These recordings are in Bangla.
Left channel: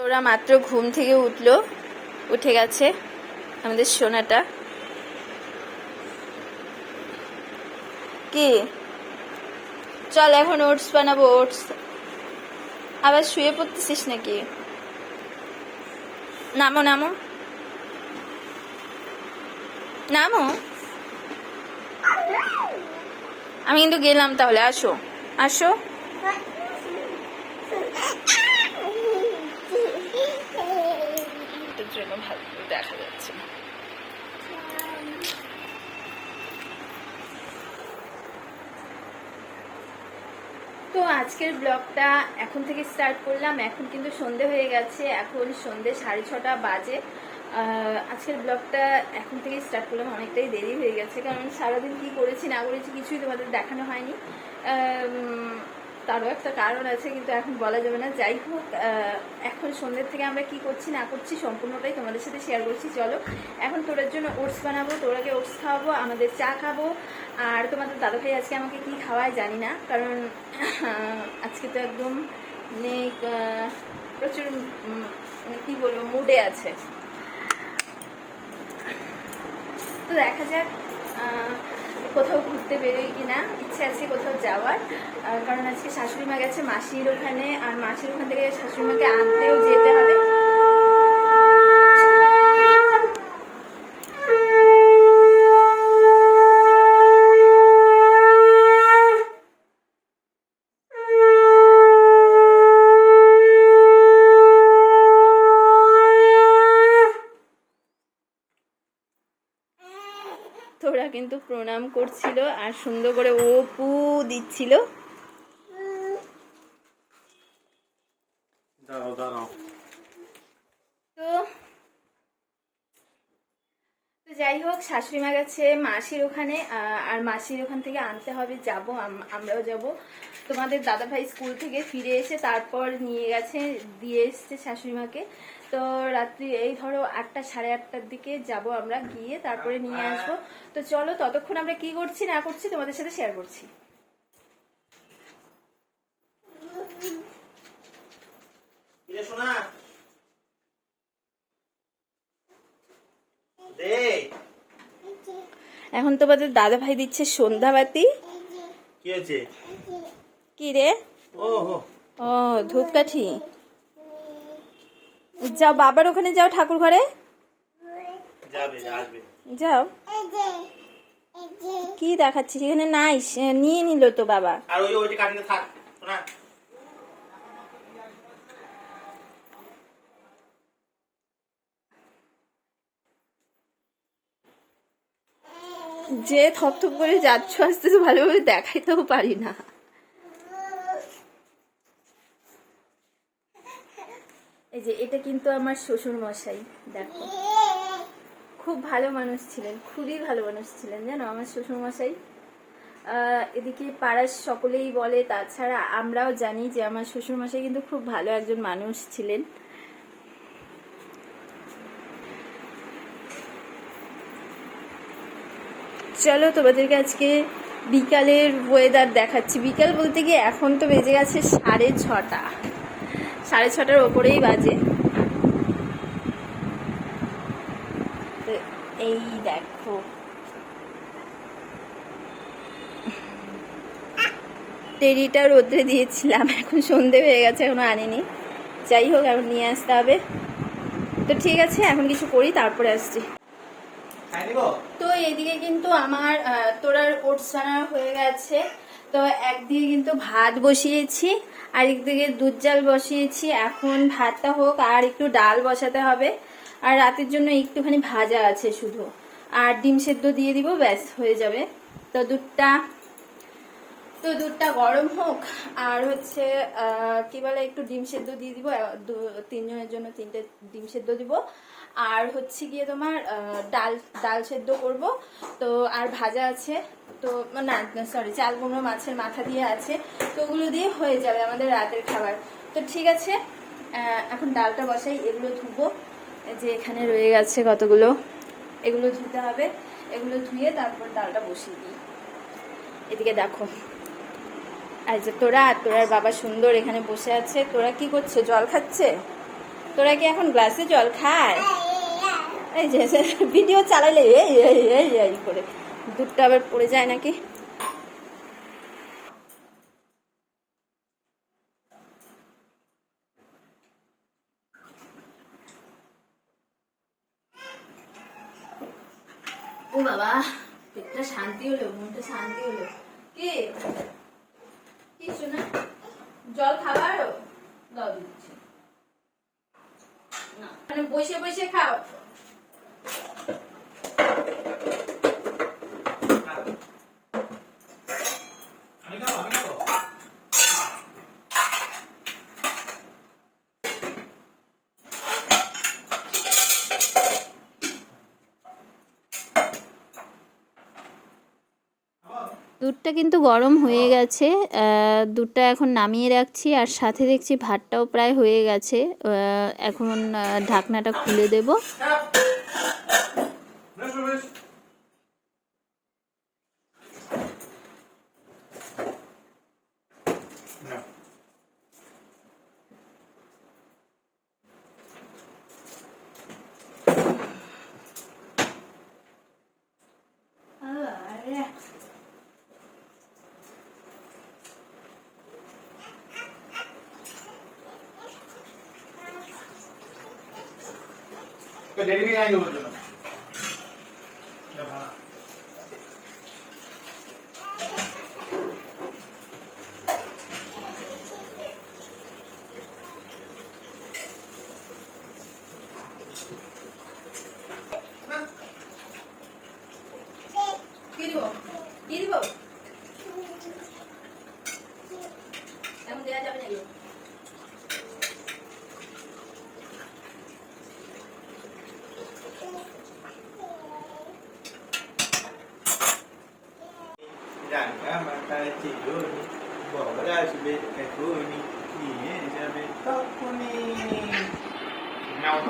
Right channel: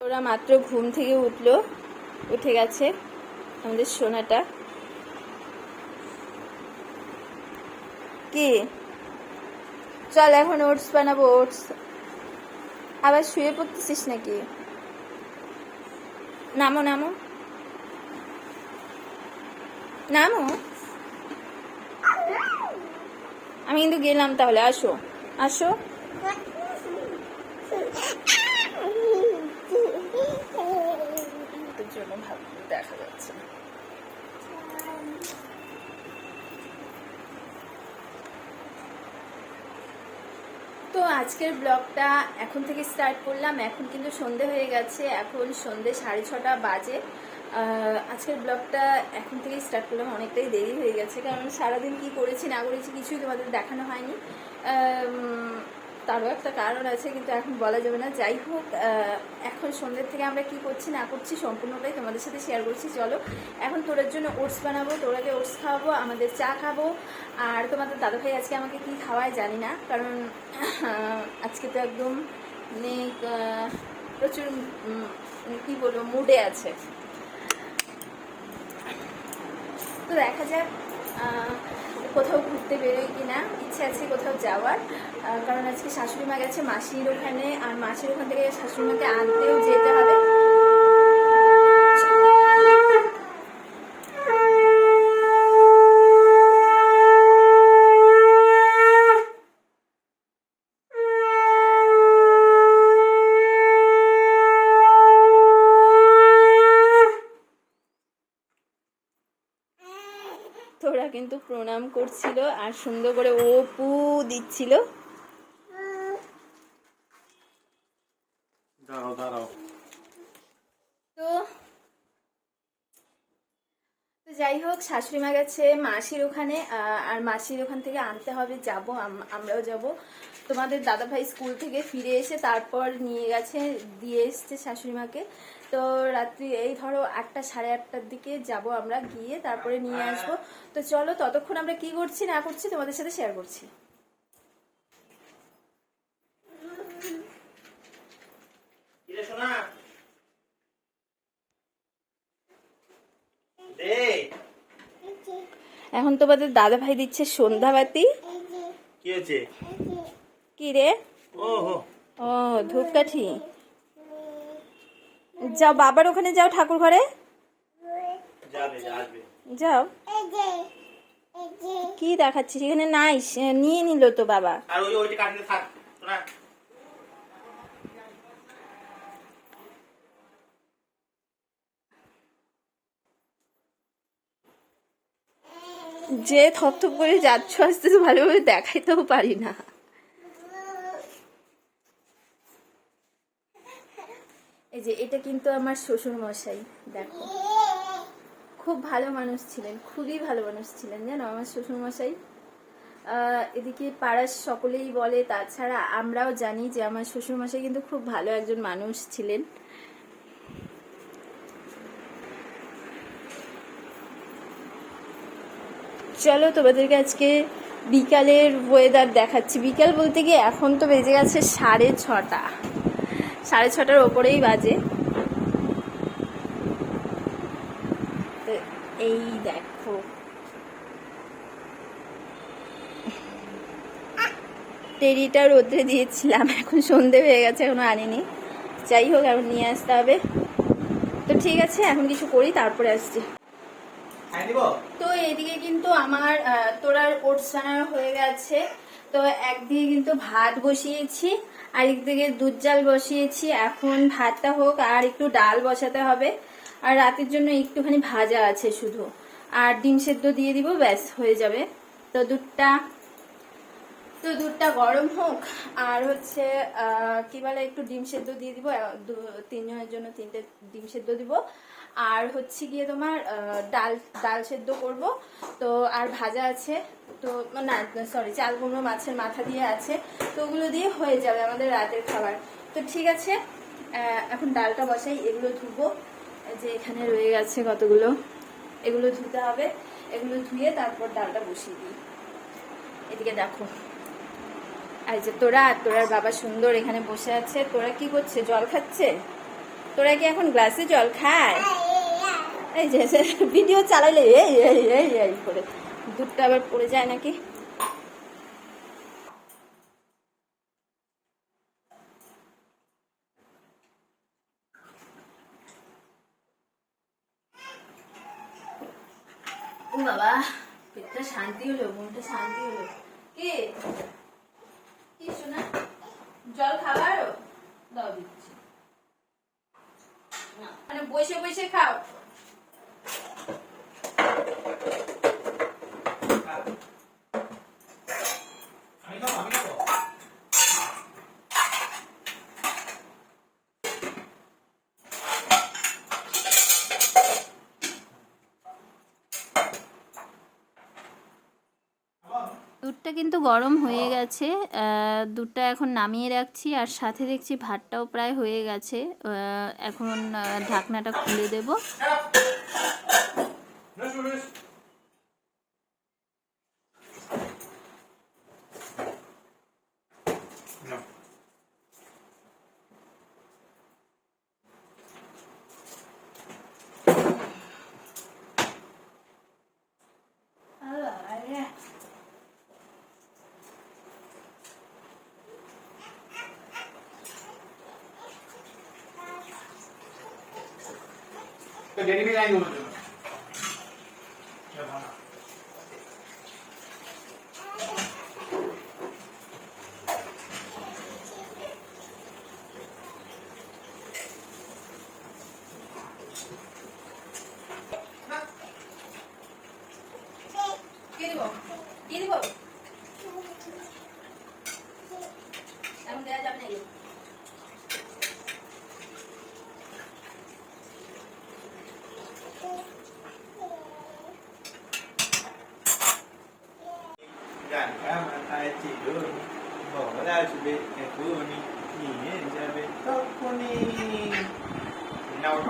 ওরা মাত্র ঘুম থেকে উঠল, উঠে গেছে আমাদের সোনাটা। কি? চল এখন ওটস বানাবো, ওটস। আবার শুয়ে পড়তেছিস নাকি? নামো নামো। নামো? আমি কিন্তু গেলাম তাহলে, আসো। আসো তোর জন্য ভালো করে দেখা যাচ্ছে। না। তো আজকের ব্লগটা এখন থেকে স্টার্ট করলাম। এখন কিন্তু সন্ধে হয়ে গেছে। এখন সন্ধে সাড়ে ছটা বাজে। আজকের ব্লগটা এখন থেকে স্টার্ট করলাম। অনেকটাই দেরি হয়ে গেছে। কারণ সারাদিন কি করেছি, না করেছি কিছুই তোমাদের দেখানো হয়নি। তারও একটা কারণ আছে, কিন্তু এখন বলা যাবে না। যাই হোক এখন সন্ধ্যের থেকে আমরা কি করছি, না করছি, সম্পূর্ণটাই তোমাদের সাথে শেয়ার করছি। চলো, এখন তোরার জন্য ওটস বানাবো, তোরাকে ওটস খাওয়াবো, আমাদের চা খাব। আর তোমাদের দাদা ভাই আজকে আমাকে কি খাওয়ায় জানি না, কারণ আজকে তো একদম প্রচুর কি বলব মুডে আছে। তো দেখা যাক কোথাও ঘুরতে বেরোই কিনা, ইচ্ছে আছে কোথাও যাওয়ার। কারণ আজকে শাশুড়ি মা গেছে মাসির ওখানে, আর মাসির ওখান থেকে শাশুড়ি মাকে আনতেও যেতে হবে তোরা কিন্তু প্রণাম করছিল আর সুন্দর করে ও পু দিচ্ছিল। তো যাই হোক শাশুড়ি মা গেছে মাসির ওখানে আর মাসির ওখান থেকে আনতে হবে যাব আমরাও যাব। তোমাদের দাদা ভাই স্কুল থেকে ফিরে এসে তারপর নিয়ে গেছে দিয়ে এসছে শাশুড়ি মাকে তো রাত্রি এই ধরো আটটা সাড়ে আটটার দিকে যাব আমরা গিয়ে তারপরে নিয়ে আসব। তো চলো ততক্ষণ আমরা কি করছি না করছি তোমাদের সাথে শেয়ার করছি। এখন তোমাদের দাদা ভাই দিচ্ছে সন্ধ্যাবাতি। কি হয়েছে? কি রে? ও ও। ধূপকাঠি। যাও বাবার ওখানে যাও ঠাকুর ঘরে যাবে। আসবে যাও। কি দেখাচ্ছিস? এখানে নাই নিয়ে নিল তো বাবা। আর ওই ওইটা কাটলে থাক শোনা। যে থপথপ করে যাচ্ছ আসতে তো ভালোভাবে দেখাইতেও পারি না। এই যে এটা কিন্তু আমার শ্বশুর মশাই দেখো। খুব ভালো মানুষ ছিলেন, খুবই ভালো মানুষ ছিলেন, জানো আমার শ্বশুর মশাই এদিকে পাড়ার সকলেই বলে, তাছাড়া আমরাও জানি যে আমার শ্বশুর মশাই কিন্তু খুব ভালো একজন মানুষ ছিলেন। চলো তোমাদেরকে আজকে বিকালের ওয়েদার দেখাচ্ছি। বিকাল বলতে গিয়ে এখন তো বেজে গেছে সাড়ে ছটা। সাড়ে ছটার ওপরেই বাজে তো এই দেখো। টেরিটা রোদ্রে দিয়েছিলাম এখন সন্ধে হয়ে গেছে এখনও আনিনি। যাই হোক এখন নিয়ে আসতে হবে। তো ঠিক আছে এখন কিছু করি তারপরে আসছি। হ্যাঁ তো এদিকে কিন্তু আমার তোরার ওটস বানানো হয়ে গেছে। তো একদিকে কিন্তু ভাত বসিয়েছি আর একদিকে দুধ জাল বসিয়েছি। এখন ভাতটা হোক আর একটু ডাল বসাতে হবে। আর রাতের জন্য একটুখানি ভাজা আছে শুধু। আর ডিম সেদ্ধ দিয়ে দিব, ব্যাস, হয়ে যাবে। তো দুধটা তো দুধটা গরম হোক, আর হচ্ছে কি বলে, একটু ডিম সেদ্ধ দিয়ে দিব তিনজনের জন্য তিনটে ডিম সেদ্ধ দিব। আর হচ্ছে গিয়ে তোমার ডাল ডাল সেদ্ধ করব। তো আর ভাজা আছে, তো, না সরি চাল কুমড়ো মাছের মাথা দিয়ে আছে, তো ওগুলো দিয়ে হয়ে যাবে আমাদের রাতের খাবার। তো ঠিক আছে এখন ডালটা বসাই, এগুলো ধুবো। যে এখানে রয়ে গেছে কতগুলো? এগুলো ধুতে হবে। এগুলো ধুয়ে তারপর ডালটা বসিয়ে দিই। এদিকে দেখো। আর যে তোরা আর তোরার বাবা সুন্দর এখানে বসে আছে। তোরা কি করছে? জল খাচ্ছে? তোরা কি এখন গ্লাসে জল খায়? এই যে ভিডিও চালাইলে এই এই এই এই করে। দুধটা আবার পড়ে যায় নাকি ও বাবা পেটটা শান্তি হলো মনটা শান্তি হলো কি কি শোনা জল খাবারও দাও দিচ্ছি। না, মানে বসে বসে খাও। দুধটা কিন্তু গরম হয়ে গেছে দুধটা এখন নামিয়ে রাখছি আর সাথে দেখছি ভাতটাও প্রায় হয়ে গেছে এখন ঢাকনাটা খুলে দেব। তো ডেলি নিয়ে আইনো বলছো কি দিব কি দিব এখন দেওয়া যাবে না এগুলো।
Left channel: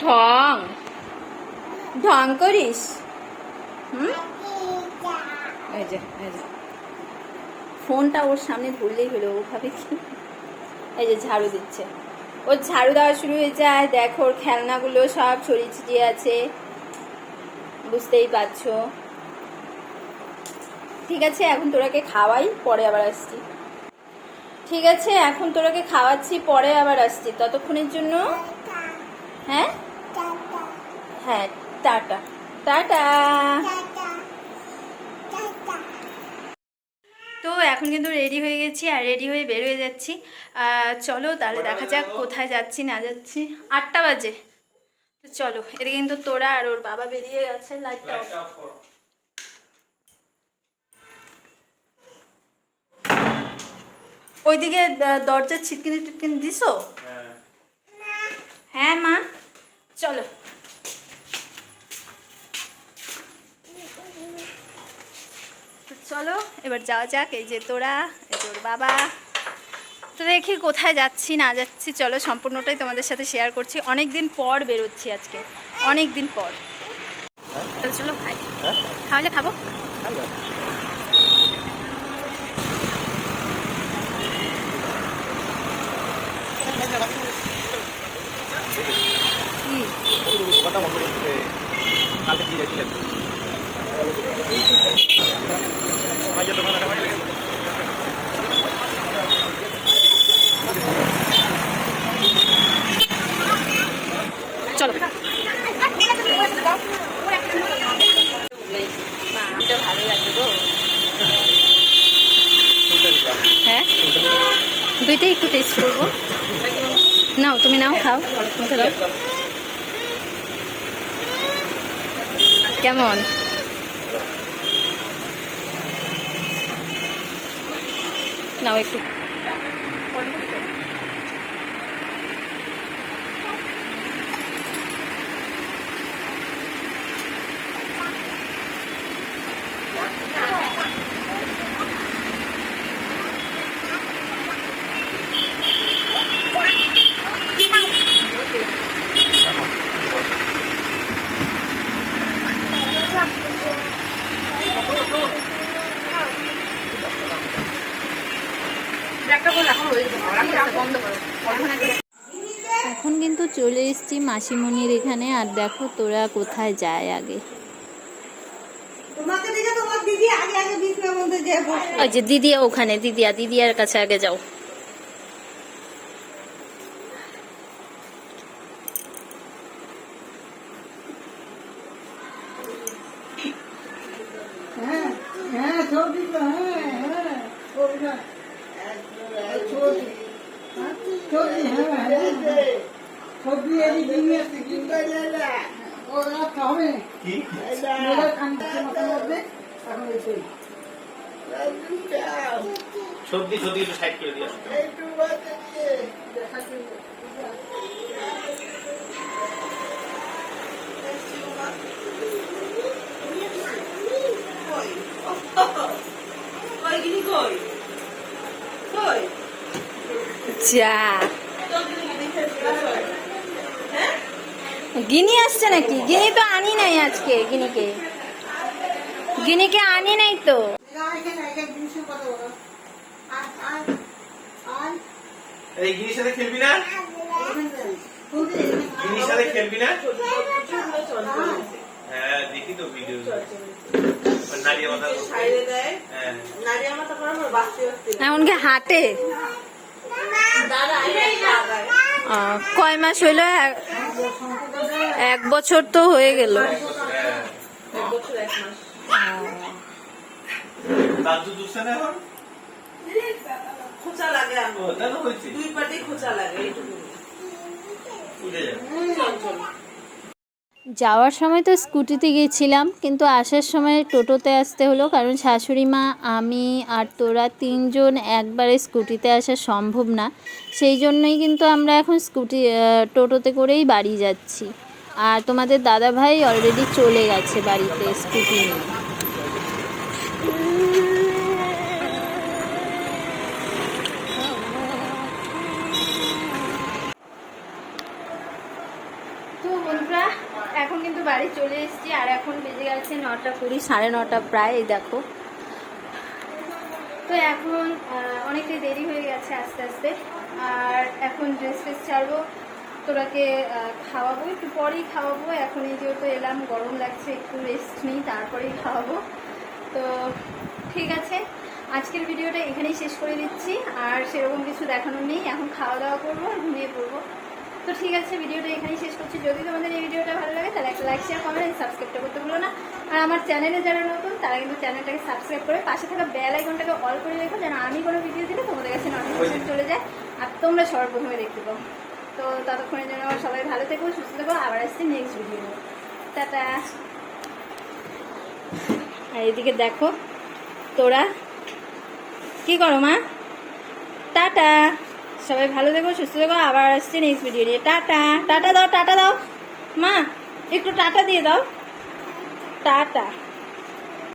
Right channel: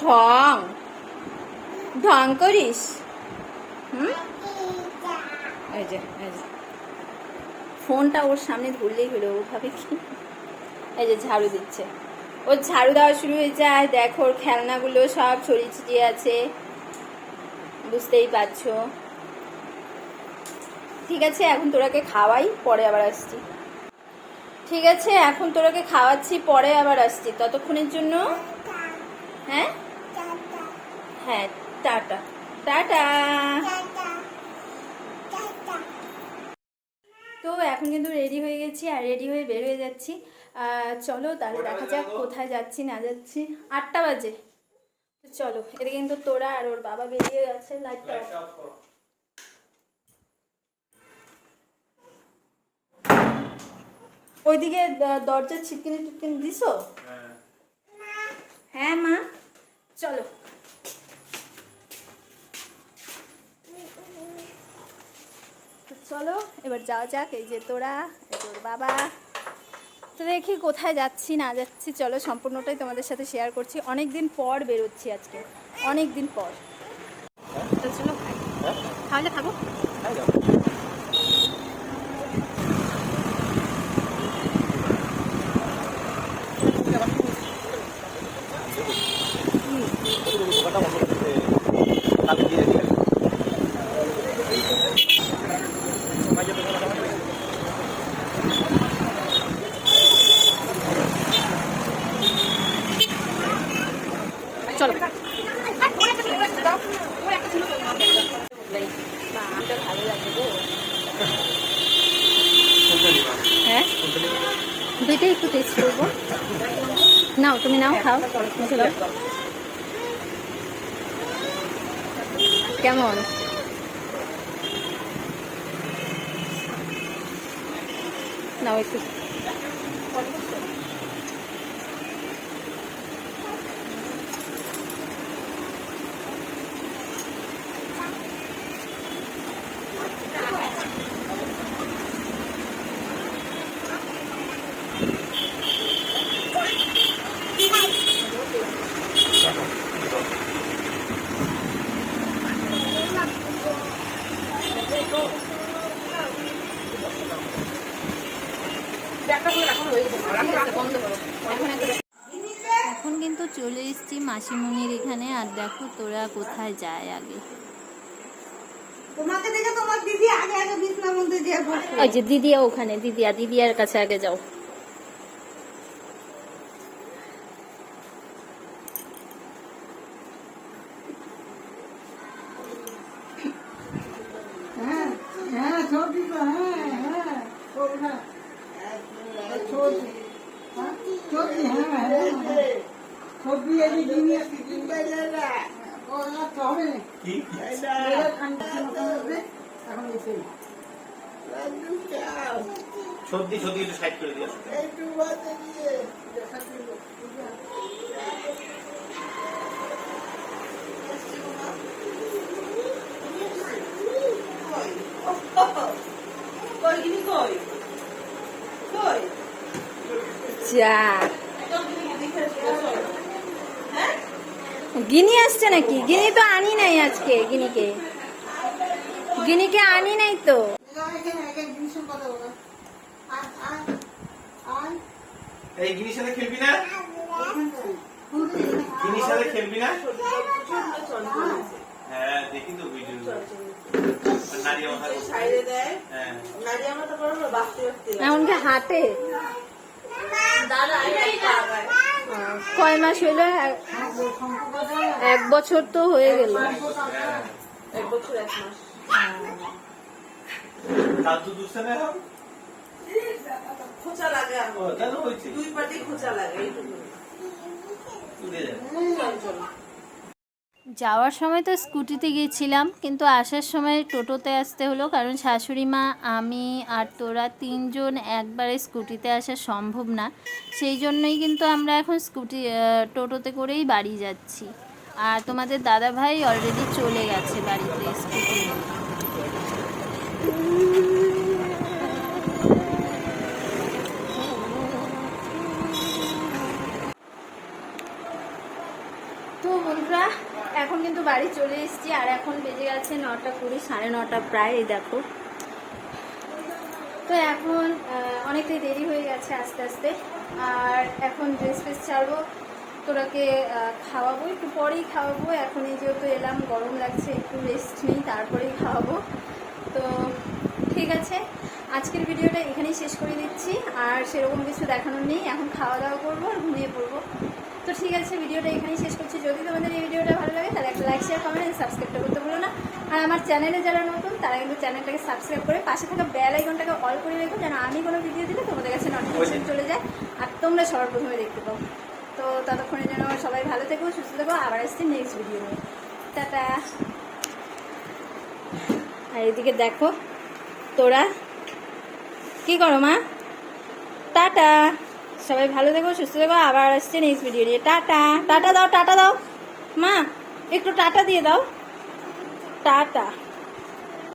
ঢং ঢং করিস হুম এই যে এই যে ফোনটা ওর সামনে ধরলেই হলো ওভাবে ভাবে কি? এই যে ঝাড়ু দিচ্ছে। ওর ঝাড়ু দেওয়া শুরু হয়ে যায়। দেখো ওর খেলনাগুলো সব ছড়িয়ে ছিটিয়ে আছে। বুঝতেই পারছ। ঠিক আছে, এখন তোরাকে খাওয়াই, পরে আবার আসছি। ঠিক আছে, এখন তোরাকে খাওয়াচ্ছি, পরে আবার আসছি। ততক্ষণের জন্য হ্যাঁ? হ্যাঁ টাটা। টাটা। তো এখন কিন্তু রেডি হয়ে গেছি, আর রেডি হয়ে বের হয়ে যাচ্ছি। চলো তাহলে দেখা যাক কোথায় যাচ্ছি, না যাচ্ছি। আটটা বাজে। তো চলো এটা কিন্তু তোরা আর ওর বাবা বেরিয়ে গেছে লাইটটা ওইদিকে দরজার ছিটকিনি টিটকিনি দিছো? হ্যাঁ। মা। চলো। চলো এবার যাওয়া যাক। এই যে তোরা এই তোর বাবা। তো দেখি কোথায় যাচ্ছি না যাচ্ছি। চলো সম্পূর্ণটাই তোমাদের সাথে শেয়ার করছি। অনেক দিন পর বেরোচ্ছি আজকে। অনেক দিন পর। তো চলো খাই। খাওয়ালে খাব? কি? চলো। এটা ভালো লাগে গো হ্যাঁ? দুইটাই একটু টেস্ট করব। নাও, তুমি নাও, খাও। মুখে দাও। কেমন? নাও একটু। মাসিমণির এখানে আর দেখো তোরা কোথায় যায় আগে। ওই যে দিদিয়া ওখানে দিদিয়া দিদিয়ার কাছে আগে যাও। হ্যাঁ। সর্দি সর্দি একটু সাইড করে দিয়ে কই কই? কই? যা। গিনি আসছে নাকি? গিনি তো আনি নাই আজকে গিনিকে। গিনিকে আনি নাই তো। এই গিনির সাথে খেলবি না? গিনির সাথে খেলবি না? হ্যাঁ দেখি তো ভিডিও নারিয়া মাথা করছে। হ্যাঁ। এমনকি হাটে। কয় মাস হইল? এক- এক বছর তো হয়ে গেল। লাগে ও দুই পাটি খোঁচা লাগে যাওয়ার সময় তো স্কুটিতে গিয়েছিলাম, কিন্তু আসার সময় টোটোতে আসতে হলো, কারণ শাশুড়ি মা, আমি আর তোরা তিনজন একবারে স্কুটিতে আসা সম্ভব না। সেই জন্যই কিন্তু আমরা এখন স্কুটি টোটোতে করেই বাড়ি যাচ্ছি। আর তোমাদের দাদা ভাই অলরেডি চলে গেছে বাড়িতে স্কুটি নিয়ে। বাড়ি চলে এসেছি, আর এখন বেজে গেছে নটা কুড়ি, সাড়ে নটা প্রায় দেখো। তো এখন অনেকটাই দেরি হয়ে গেছে আস্তে আস্তে, আর এখন ড্রেস ফ্রেস ছাড়বো, তোরাকে খাওয়াবো, একটু পরেই খাওয়াবো এখন এই যেহেতু এলাম, গরম লাগছে, একটু রেস্ট নিই, তারপরেই খাওয়াবো। তো ঠিক আছে, আজকের ভিডিওটা এখানেই শেষ করে দিচ্ছি, আর সেরকম কিছু দেখানোর নেই, এখন খাওয়া দাওয়া করব আর ঘুমিয়ে পড়ব। তো ঠিক আছে, ভিডিওটা এখানেই শেষ করছি। যদি তোমাদের এই ভিডিওটা ভালো লাগে, তাহলে একটা লাইক শেয়ার কমেন্ট সাবস্ক্রাইবটা করতে ভুলো না। আর আমার চ্যানেলে যারা নতুন, তারা কিন্তু চ্যানেলটাকে সাবস্ক্রাইব করে পাশে থাকা বেল আইকনটাকে অল করে রেখো, যেন আমি কোনো ভিডিও দিলে তোমাদের কাছে নোটিফিকেশন চলে যায়, আর তোমরা সবার প্রথমে দেখতে পাও। তো ততক্ষণে যেন আমার সবাই ভালো থেকো, সুস্থ থেকো, আবার আসছি নেক্সট ভিডিও টাটা। আর এদিকে দেখো, তোরা কি করো মা? টাটা। সবাই ভালো থেকো, সুস্থ থেকো, আবার আসছে নেক্সট ভিডিও নিয়ে। টাটা টাটা দাও টাটা দাও। মা, একটু টাটা দিয়ে দাও। টাটা।